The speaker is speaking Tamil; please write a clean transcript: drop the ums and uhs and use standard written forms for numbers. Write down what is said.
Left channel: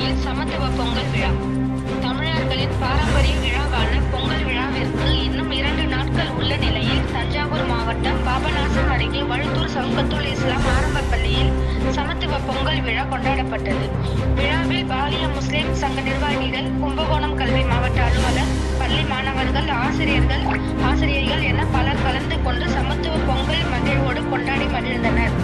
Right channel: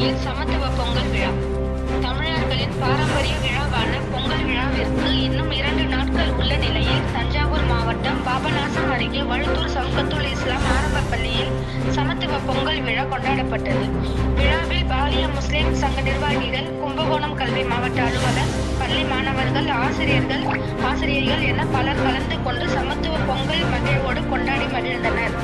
பள்ளியில் சமத்துவ பொங்கல் விழா. தமிழர்களின் பாரம்பரிய விழாவான பொங்கல் விழாவிற்கு இன்னும் 2 நாட்கள் உள்ள நிலையில் தஞ்சாவூர் மாவட்டம் பாபநாசம் அருகே வழுத்தூர் சவுக்கத்துல் இஸ்லாம் ஆரம்ப பள்ளியில் சமத்துவ பொங்கல் விழா கொண்டாடப்பட்டது. விழாவில் பாலிய முஸ்லிம் சங்க நிர்வாகிகள், கும்பகோணம் கல்வி மாவட்ட அலுவலர், பள்ளி மாணவர்கள், ஆசிரியர்கள் என பலர் கலந்து கொண்டு சமத்துவ பொங்கல் மகிழ்வோடு கொண்டாடி மகிழ்ந்தனர்.